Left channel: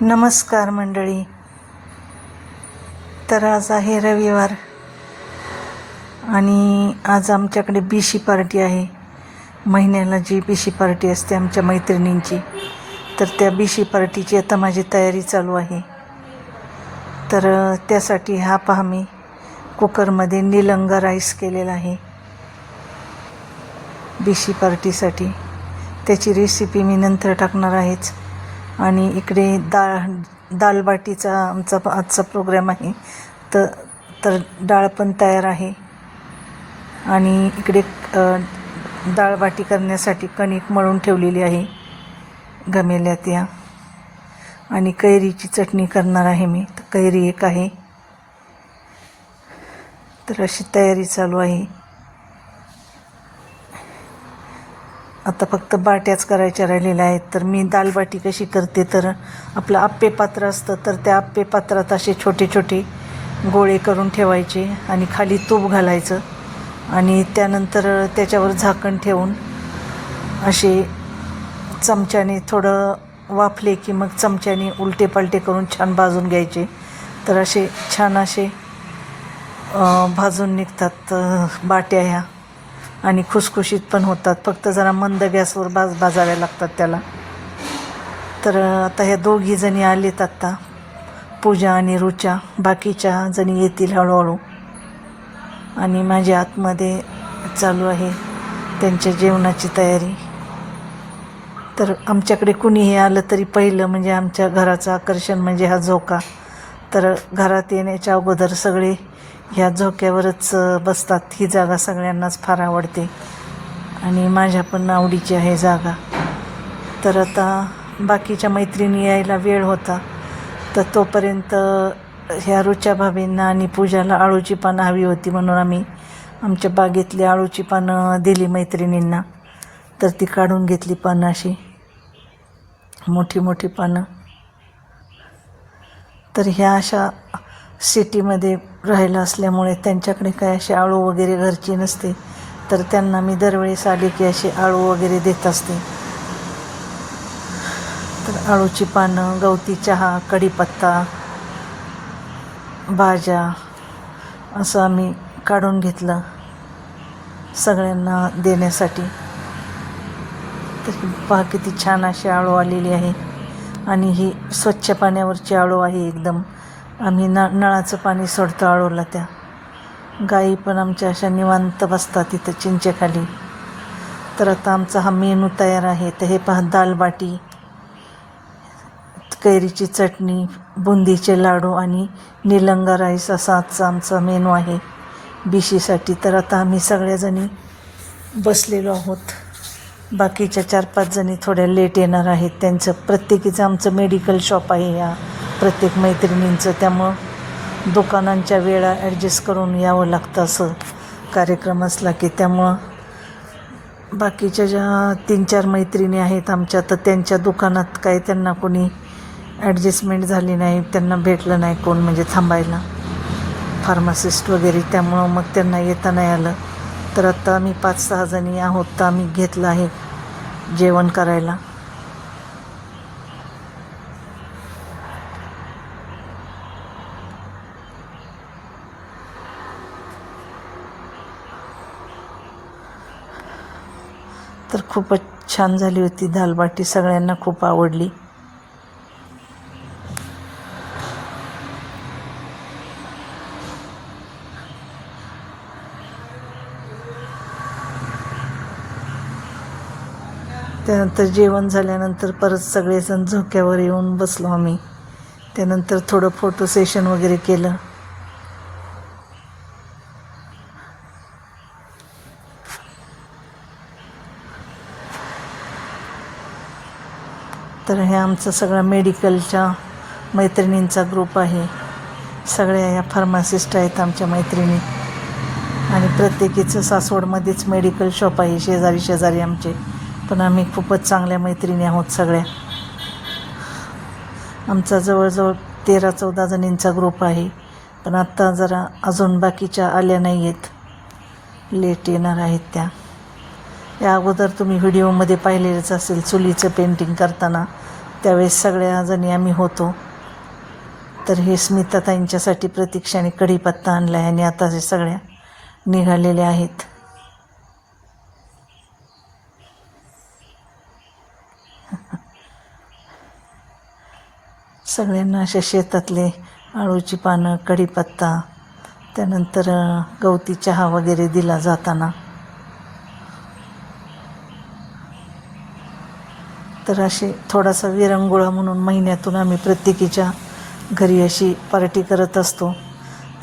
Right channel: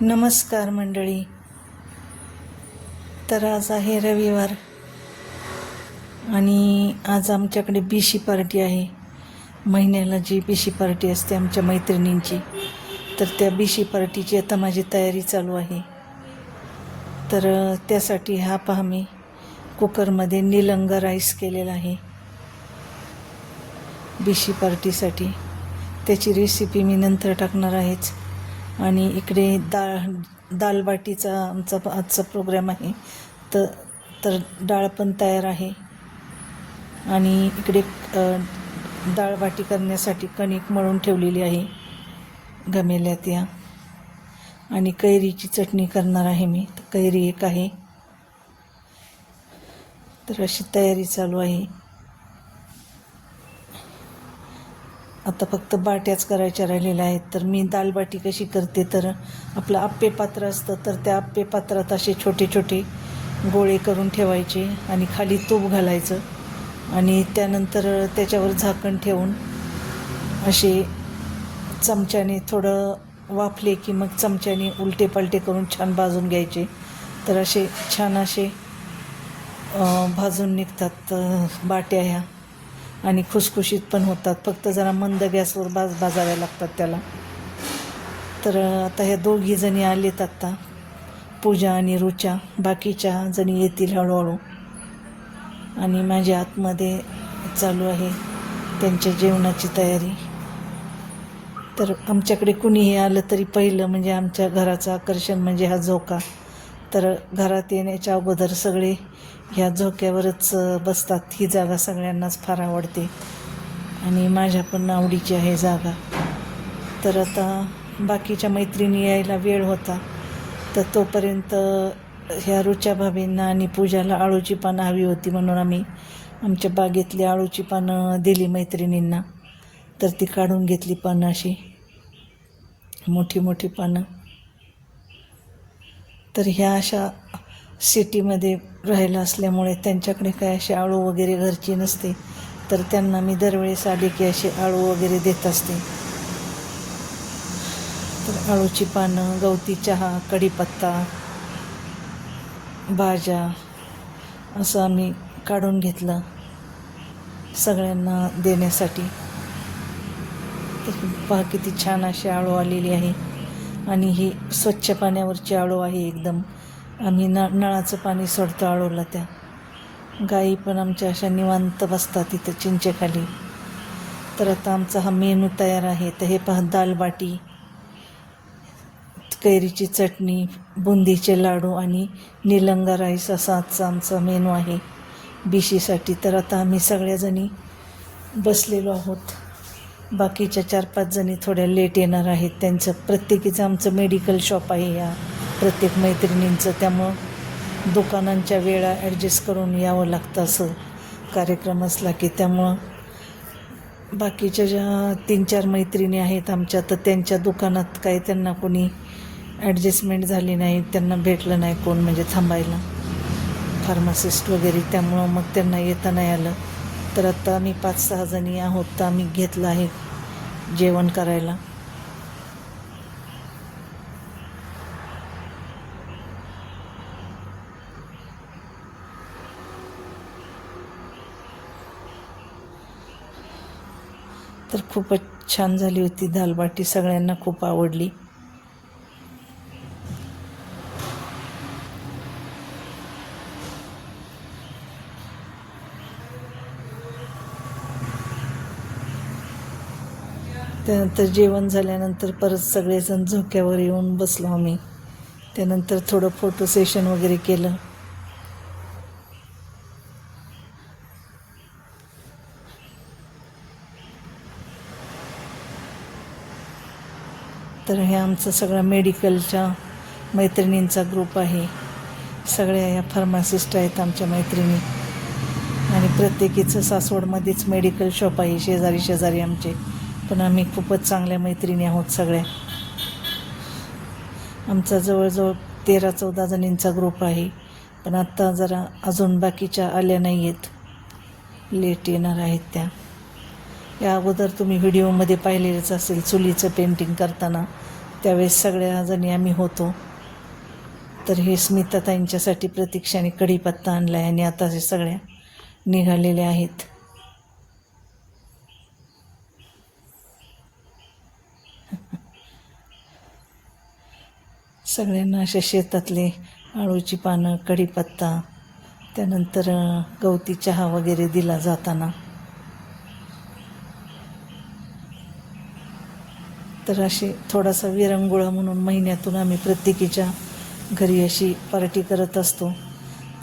नमस्कार मंडळी. तर आज आहे रविवार आणि आज आमच्याकडे बीशी पार्टी आहे. महिन्याला जी बीशी पार्टी असते आमच्या मैत्रिणींची तर त्या बीशी पार्टीची आता माझी तयारी चालू आहे. तर त्यासाठी हा पहा मी कुकरमध्ये निलंगा राईस केलेला आहे. बीशी पार्टीसाठी त्याची रेसिपी मी नंतर टाकणार आहेच. आणि इकडे डाळ दालबाटीचा आमचा आजचा प्रोग्राम आहे. तर तर डाळ पण तयार आहे. आणि इकडे अ, डाळबाटी करण्यासाठी कणिक मळून ठेवलेली आहे. गमेल्या त्या आणि कैरीची चटणी करणार आहे मी. तर कैरी एक आहे. तर अशी तयारी चालू आहे. आता फक्त बाट्याच करायच्या राहिलेल्या आहेत. तर मी दालबाटी कशी करते? तर आपलं आप्पे पात्र असतं तर त्या आप्पे पात्रात असे छोटे छोटे गोळे करून ठेवायचे आणि खाली तूप घालायचं आणि त्यानंतर त्याच्यावर झाकण ठेवून असे चमच्याने थोडं वाफले की मग चमच्याने उलटे पालटे करून छान भाजून घ्यायचे. तर असे छान असे भाजून निघतात बाट्या ह्या. आणि खुसखुशीत पण होतात. फक्त जरा मंद गॅसवर बाज भाजाव्या लागतात त्याला. तर आता ह्या दोघी जणी आलेत आत्ता पूजा आणि रुचा. बाकीच्या जणी येतील हळूहळू. आणि माझ्या आतमध्ये चालू आहे त्यांच्या जेवणाची तयारी. तर आमच्याकडे कुणीही आलं तरी पहिलं म्हणजे आमच्या घराचं आकर्षण म्हणजे हा झोका. तर घरात येण्याच्या अगोदर सगळे ह्या झोक्यावरच बसतात. ही जागा सगळ्यांनाच फार आवडते. आणि माझ्या पण आवडीची आहे जागा. तर आता बाकीच्या मैत्रिणी यायला वेळ होता. तर तोपर्यंत ह्या रुच्या भाभींना आणि पूजाला आळूची पानं हवी होती म्हणून आम्ही आमच्या बागेतली आळूची पानं दिली मैत्रिणींना. तर ती काढून घेतली पानं अशी मोठी मोठी पानं. तर ह्या अशा सिटीमध्ये राहिलं असल्यामुळे त्यांच्याकडे काय अशी आळू वगैरे घरची नसते. तर त्यांना मी दरवेळेस आले की अशी आळू वगैरे देत असते. तर आळूची पानं गवती चहा कढीपत्ता भाज्या असं आम्ही काढून घेतलं सगळ्यांना देण्यासाठी. तर पहा किती छान अशी आळू आलेली आहे. आणि ही स्वच्छ पाण्यावरची आळू आहे एकदम. आम्ही न नळाचं पाणी सोडतो आळूला त्या. गाई पण आमच्या अशा निवांत बसतात तिथं चिंचेखाली. तर आता आमचा हा मेनू तयार आहे. तर हे पहा दालबाटी कैरीची चटणी बुंदीचे लाडू आणि निलंगा राईस असा आजचा आमचा मेनू आहे बिशीसाठी तर आता आम्ही सगळ्याजणी बसलेलो आहोत. बाकीच्या चार पाच जणी थोड्या लेट येणार आहेत. त्यांचं प्रत्येकीचं आमचं मेडिकल शॉप आहे या प्रत्येक मैत्रिणींचं त्यामुळं दुकानांच्या वेळा ॲडजस्ट करून यावं लागतं असं कार्यक्रम असला की त्यामुळं बाकीच्या ज्या तीन चार मैत्रिणी आहेत आमच्या तर त्यांच्या दुकानात काही त्यांना कोणी ॲडजस्टमेंट झाली नाही त्यांना भेटलं नाही कोण म्हणजे थांबायला. फार्मासिस्ट वगैरे त्यामुळं मग त्यांना येता नाही आलं. तर आत्ता आम्ही पाच सहा जणी आहोत तर आम्ही घेतलं आहे जेवण करायला. तर खूपच छान झाली होती दालबाटी. सगळ्यांना खूप आवडली. त्यानंतर जेवण झाल्यानंतर परत सगळेजण झोक्यावर येऊन बसलो आम्ही. त्यानंतर थोडं फोटो सेशन वगैरे केलं तर हे आमचं सगळं मेडिकलच्या मैत्रिणींचा ग्रुप आहे. सगळ्या या फार्मासिस्ट आहेत आमच्या मैत्रिणी. आणि प्रत्येकीचं सासवडमध्येच मेडिकल शॉप आहे. शेजारी शेजारी आमचे. पण आम्ही खूपच चांगल्या मैत्रिणी आहोत सगळ्या. आमचा जवळजवळ तेरा चौदा जणींचा ग्रुप आहे. पण आत्ता जरा अजून बाकीच्या आल्या नाही आहेत लेट येणार आहेत त्या. या अगोदर तुम्ही व्हिडिओमध्ये पाहिलेलंच असेल चुलीचं पेंटिंग करताना. त्यावेळेस सगळ्या जणी आम्ही होतो. तर हे स्मिताताईंच्यासाठी प्रतीक्षाने कढीपत्ता आणला आहे आणि आता हे सगळ्या निघालेल्या आहेत. सगळ्यांना असे शेतातले आळूची पानं कढीपत्ता त्यानंतर गवती चहा वगैरे दिला जाताना. तर अशी थोडासा विरंगुळा म्हणून महिन्यातून आम्ही प्रत्येकीच्या घरी अशी पार्टी करत असतो.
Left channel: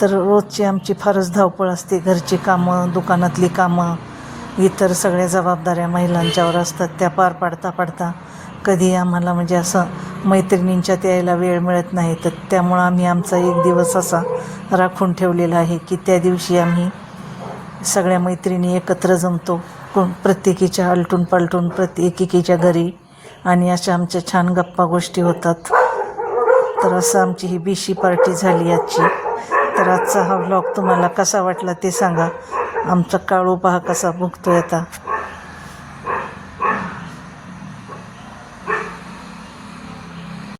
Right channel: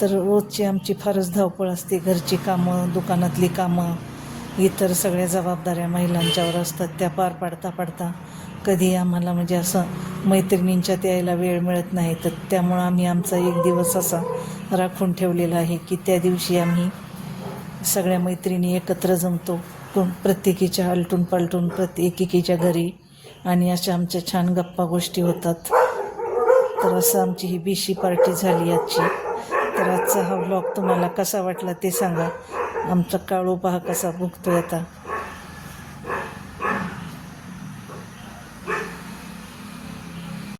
तर रोजची आमची फारच धावपळ असते. घरची कामं दुकानातली कामं इतर सगळ्या जबाबदाऱ्या महिलांच्यावर असतात. त्या पार पाडता पाडता कधी आम्हाला म्हणजे असं मैत्रिणींच्यात यायला वेळ मिळत नाही. तर त्यामुळं आम्ही आमचा एक दिवस असा राखून ठेवलेला आहे की त्या दिवशी आम्ही सगळ्या मैत्रिणी एकत्र जमतो. कोण प्रत्येकीच्या आलटून पालटून प्रत्येकीच्या घरी आणि अशा आमच्या छान गप्पा गोष्टी होतात. तर असं आमची ही बीशी पार्टी झाली आजची. तर आजचा हा व्लॉग तुम्हाला कसा वाटला ते सांगा. आमचा काळू पहा कसा भुगतो आता?